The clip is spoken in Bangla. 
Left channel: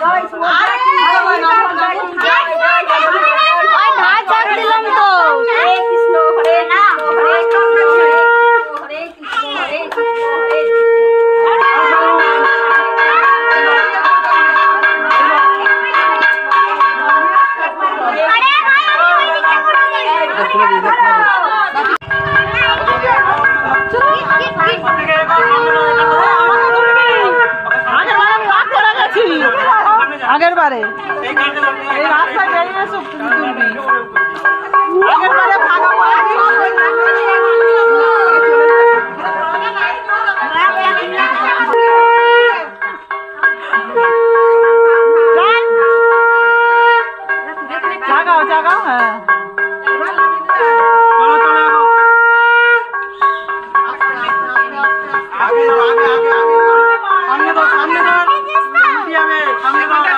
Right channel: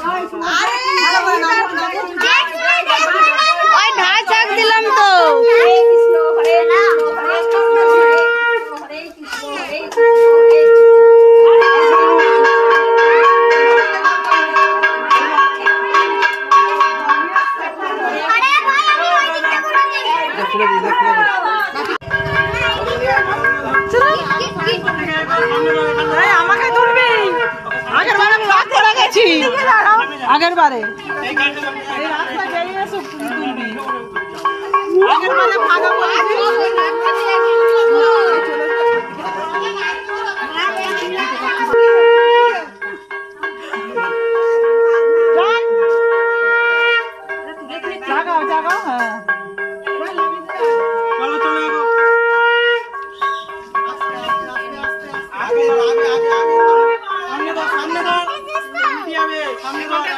ঢাক ঢাক দিলাম তো। আগের বারে এই রাস্তা বেরিয়ে সব তুলবি আগের বারে ভাগা জাগাও জাগাও হ্যাঁ সামনে